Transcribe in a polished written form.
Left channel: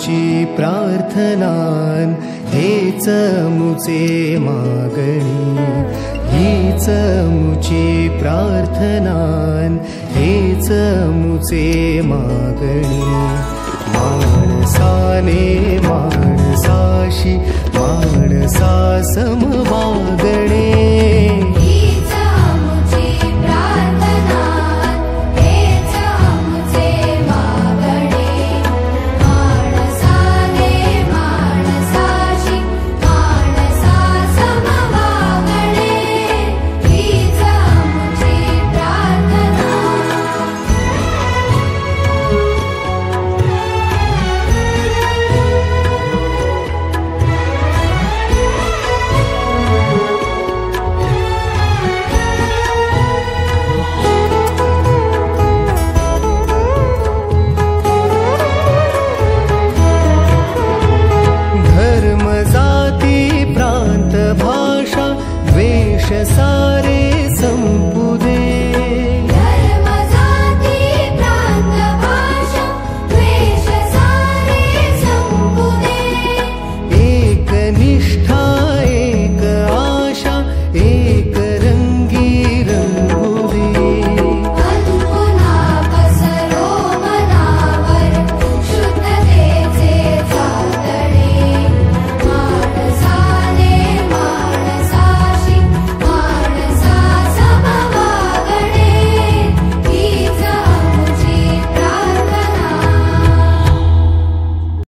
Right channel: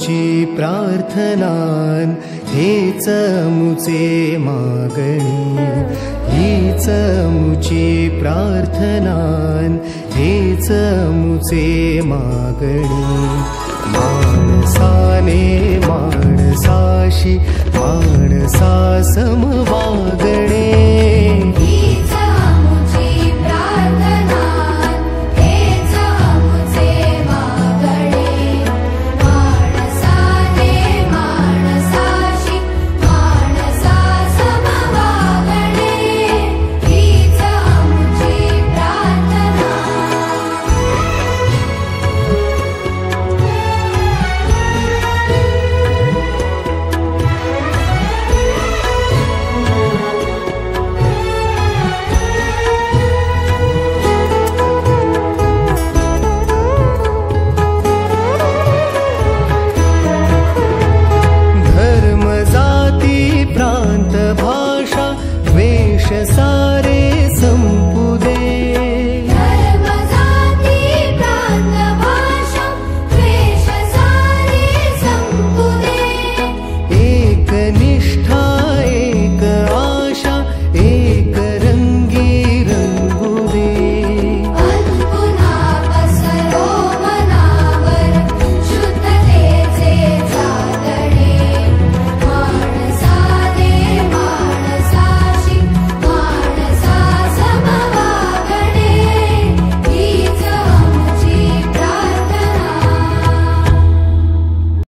मुची प्रार्थनान हेच मुचे मागणी हीच मुची प्रार्थनान हेच मुचे मागणी माणसाने माणसाशी माणसा सम वागणे जाती प्रांत भाषा द्वेष सारे संपू